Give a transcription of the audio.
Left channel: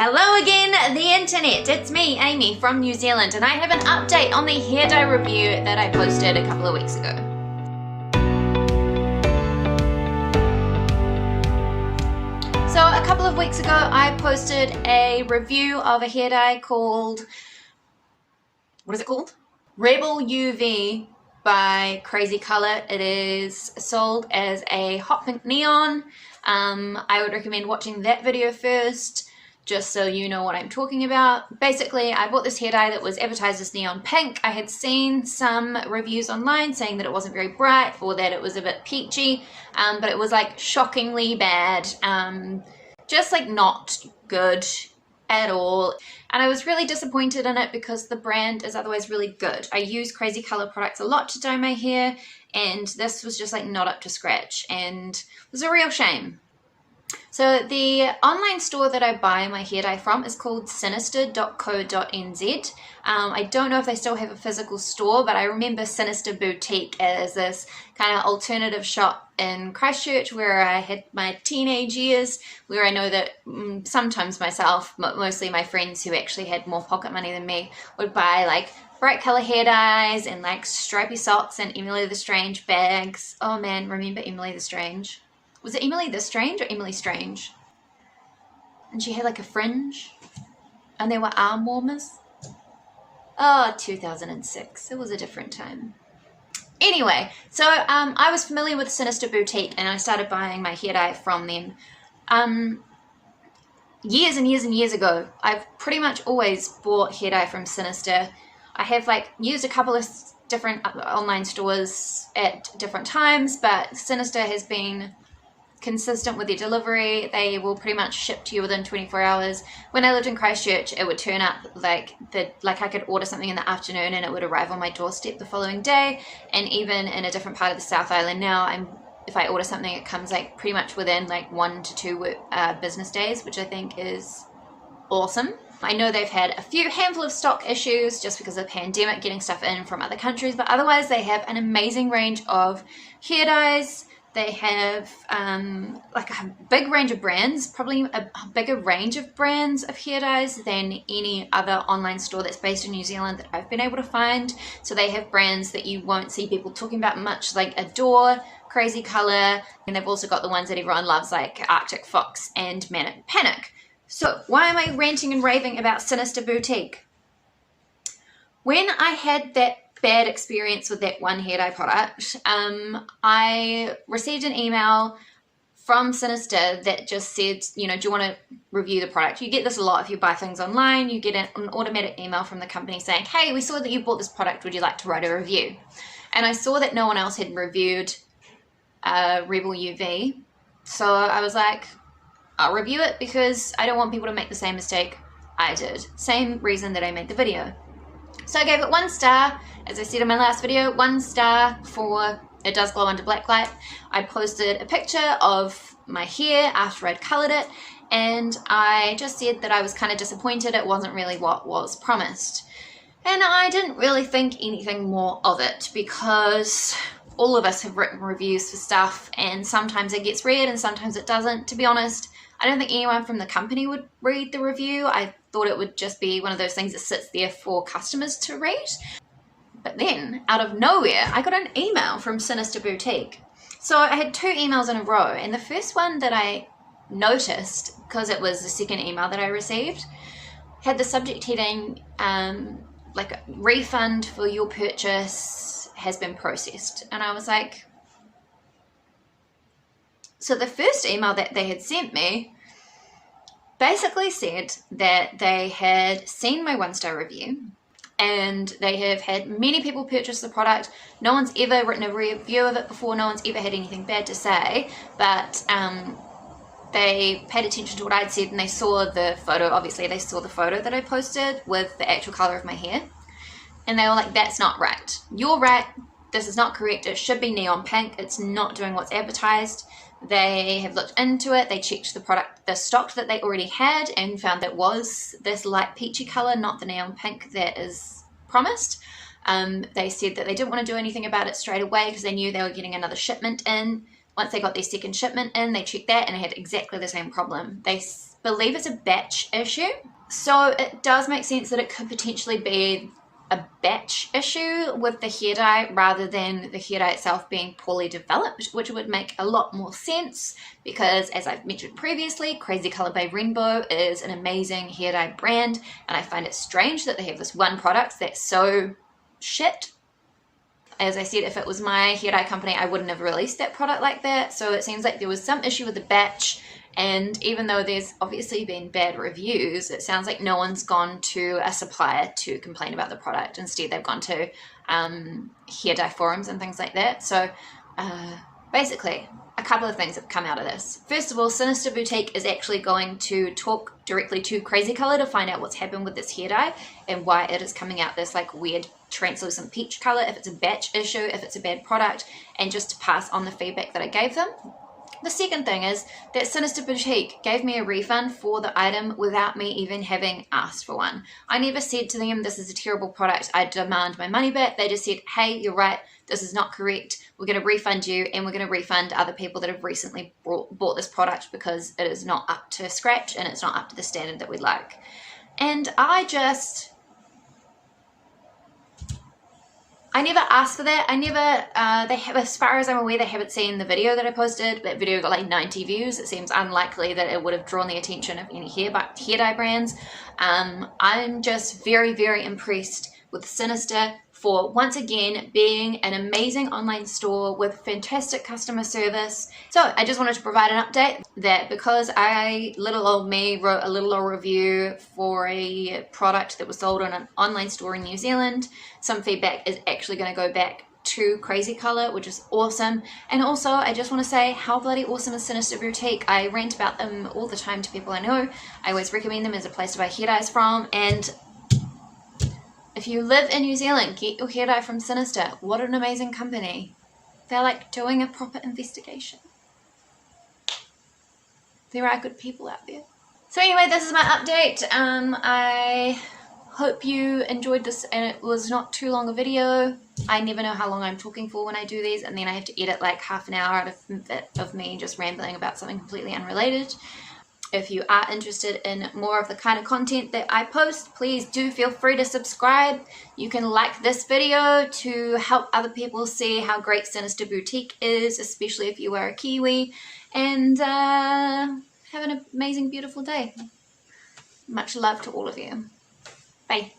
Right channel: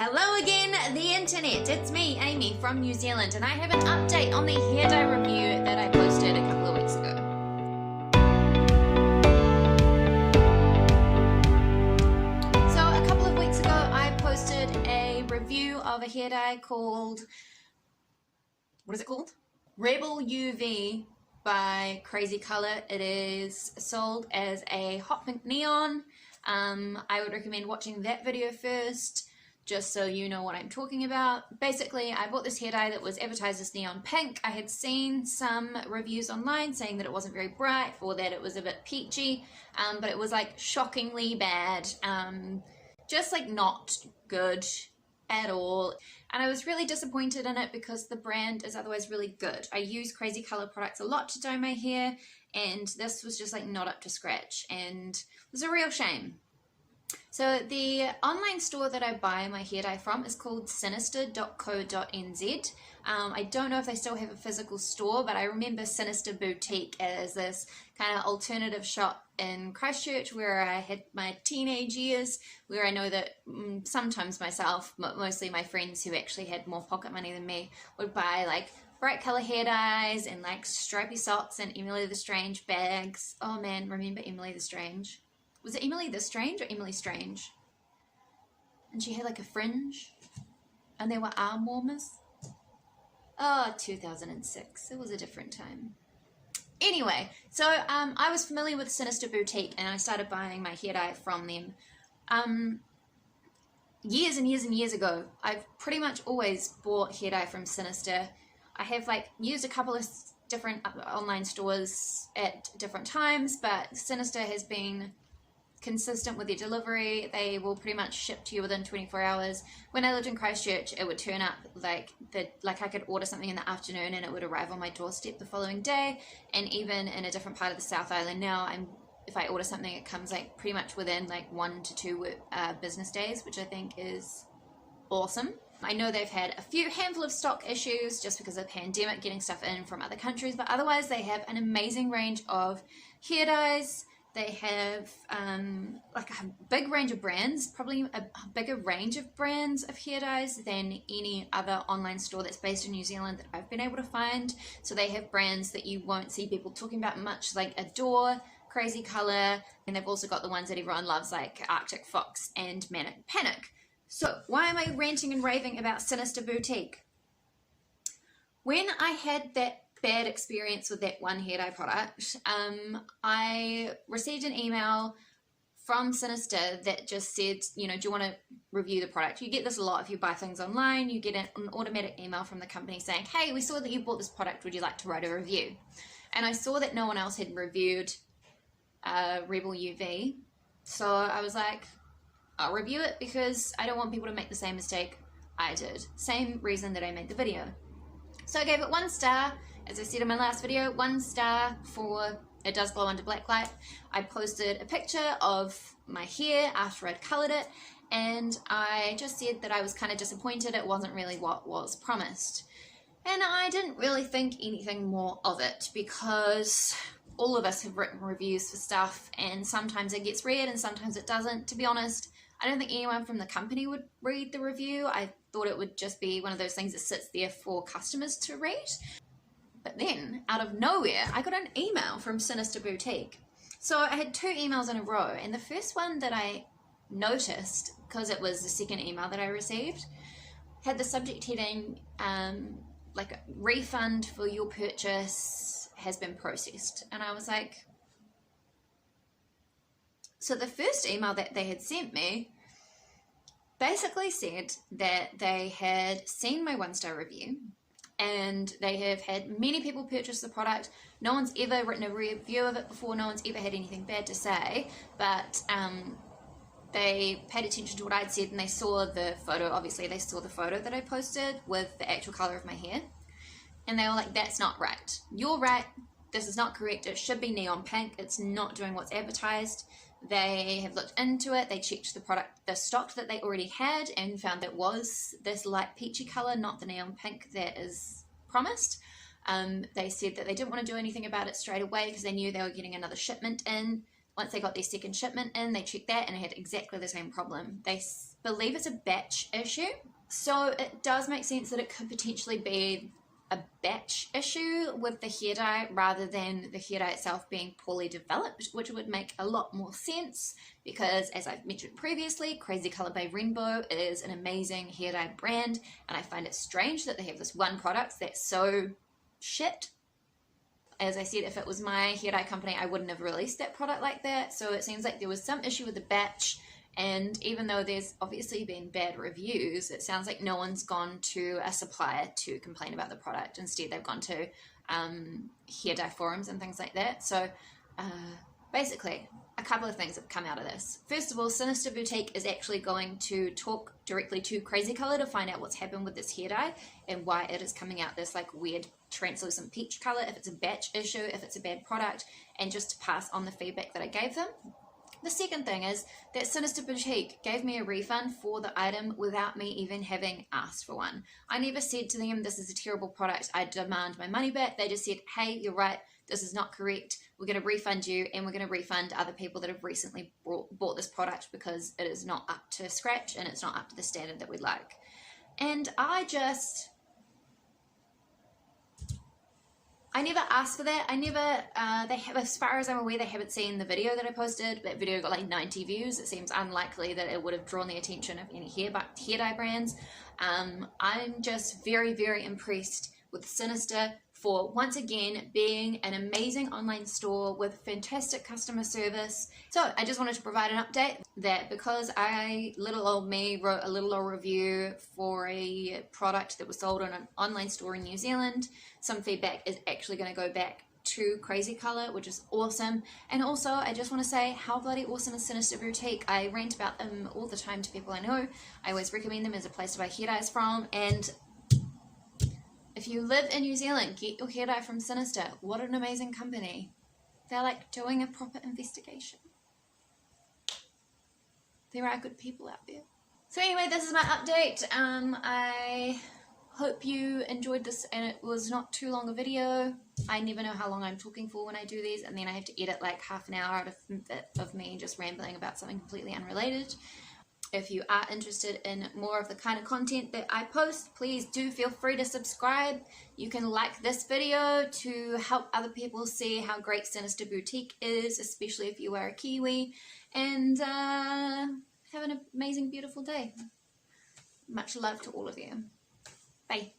Hello again, the internet. It's me, Amy from New Zealand, and I have an update on the hair dye review that I posted a couple of weeks ago. So a couple of weeks ago, I posted a review of a hair dye called, what is it called? Rebel UV by Crazy Color. It is sold as a hot pink neon. I would recommend watching that video first, just so you know what I'm talking about. Basically, I bought this hair dye that was advertised as neon pink. I had seen some reviews online saying that it wasn't very bright or that it was a bit peachy, but it was like shockingly bad, just like not good at all. And I was really disappointed in it because the brand is otherwise really good. I use Crazy Color products a lot to dye my hair, and this was just like not up to scratch, and it was a real shame. So the online store that I buy my hair dye from is called sinister.co.nz. I don't know if they still have a physical store, but I remember Sinister Boutique as this kind of alternative shop in Christchurch where I had my teenage years, where I know that sometimes myself, mostly my friends who actually had more pocket money than me, would buy like bright color hair dyes and like stripy socks and Emily the Strange bags. Oh man, remember Emily the Strange? Was it Emily the Strange or Emily Strange? And she had like a fringe and there were arm warmers. Oh, 2006. It was a different time. Anyway, so I was familiar with Sinister Boutique and I started buying my hair dye from them. Years and years and years ago, I've pretty much always bought hair dye from Sinister. I have like used a couple of different online stores at different times, but Sinister has been consistent with their delivery. They will pretty much ship to you within 24 hours. When I lived in Christchurch, it would turn up like I could order something in the afternoon and it would arrive on my doorstep the following day. And even in a different part of the South Island now, if I order something, it comes like pretty much within like 1 to 2 business days, which I think is awesome. I know they've had a handful of stock issues just because of the pandemic, getting stuff in from other countries, but otherwise they have an amazing range of hair dyes. They have like a big range of brands, probably a bigger range of brands of hair dyes than any other online store that's based in New Zealand that I've been able to find. So they have brands that you won't see people talking about much, like Adore, Crazy Color, and they've also got the ones that everyone loves like Arctic Fox and Manic Panic. So why am I ranting and raving about Sinister Boutique? When I had that bad experience with that one hair dye product, I received an email from Sinister that just said, you know, do you want to review the product? You get this a lot if you buy things online. You get an automatic email from the company saying, hey, we saw that you bought this product, would you like to write a review? And I saw that no one else had reviewed Rebel UV, so I was like, I'll review it because I don't want people to make the same mistake I did. Same reason that I made the video. So I gave it 1 star. As I said in my last video, 1 star for it does glow under black light. I posted a picture of my hair after I'd colored it, and I just said that I was kind of disappointed it wasn't really what was promised. And I didn't really think anything more of it because all of us have written reviews for stuff and sometimes it gets read and sometimes it doesn't. To be honest, I don't think anyone from the company would read the review. I thought it would just be one of those things that sits there for customers to read. But then, out of nowhere, I got an email from Sinister Boutique. So I had 2 emails in a row, and the first one that I noticed, because it was the second email that I received, had the subject heading, like a refund for your purchase has been processed. And I was like, so the first email that they had sent me basically said that they had seen my 1-star review and they have had many people purchase the product. No one's ever written a review of it before. No one's ever had anything bad to say, but they paid attention to what I'd said and they saw the photo. Obviously, they saw the photo that I posted with the actual color of my hair. And they were like, that's not right. You're right. This is not correct. It should be neon pink. It's not doing what's advertised. They have looked into it. They checked the stock that they already had and found that was this light peachy color, not the neon pink that is promised. They said that they didn't want to do anything about it straight away because they knew they were getting another shipment in. Once they got their second shipment in, they checked that and it had exactly the same problem. They believe it's a batch issue. So it does make sense that it could potentially be a batch issue with the hair dye rather than the hair dye itself being poorly developed, which would make a lot more sense because, as I've mentioned previously, Crazy Color by Rainbow is an amazing hair dye brand, and I find it strange that they have this one product that's so shit. As I said, if it was my hair dye company, I wouldn't have released that product like that. So it seems like there was some issue with the batch, and even though there's obviously been bad reviews, it sounds like no one's gone to a supplier to complain about the product. Instead, they've gone to hair dye forums and things like that. So basically, a couple of things have come out of this. First of all, Sinister Boutique is actually going to talk directly to Crazy Color to find out what's happened with this hair dye and why it is coming out this like weird translucent peach color, if it's a batch issue, if it's a bad product, and just to pass on the feedback that I gave them. The second thing is that Sinister Boutique gave me a refund for the item without me even having asked for one. I never said to them, this is a terrible product, I demand my money back. They just said, hey, you're right, this is not correct, we're going to refund you, and we're going to refund other people that have recently bought this product because it is not up to scratch and it's not up to the standard that we like. And I never asked for that. I never, they have, as far as I'm aware, they haven't seen the video that I posted. That video got like 90 views. It seems unlikely that it would have drawn the attention of any hair dye brands. I'm just very, very impressed with Sinister for once again being an amazing online store with fantastic customer service. So I just wanted to provide an update that because little old me wrote a little old review for a product that was sold on an online store in New Zealand, some feedback is actually going to go back to Crazy Color, which is awesome. And also I just want to say how bloody awesome is Sinister Boutique. I rant about them all the time to people I know. I always recommend them as a place to buy hair dyes from, and if you live in New Zealand, get your hair dye from Sinister. What an amazing company. They're like doing a proper investigation. There are good people out there. So anyway, this is my update. I hope you enjoyed this, and it was not too long a video. I never know how long I'm talking for when I do these, and then I have to edit like half an hour out of me just rambling about something completely unrelated. If you are interested in more of the kind of content that I post, please do feel free to subscribe. You can like this video to help other people see how great Sinister Boutique is, especially if you are a Kiwi. And have an amazing, beautiful day. Much love to all of you. Bye.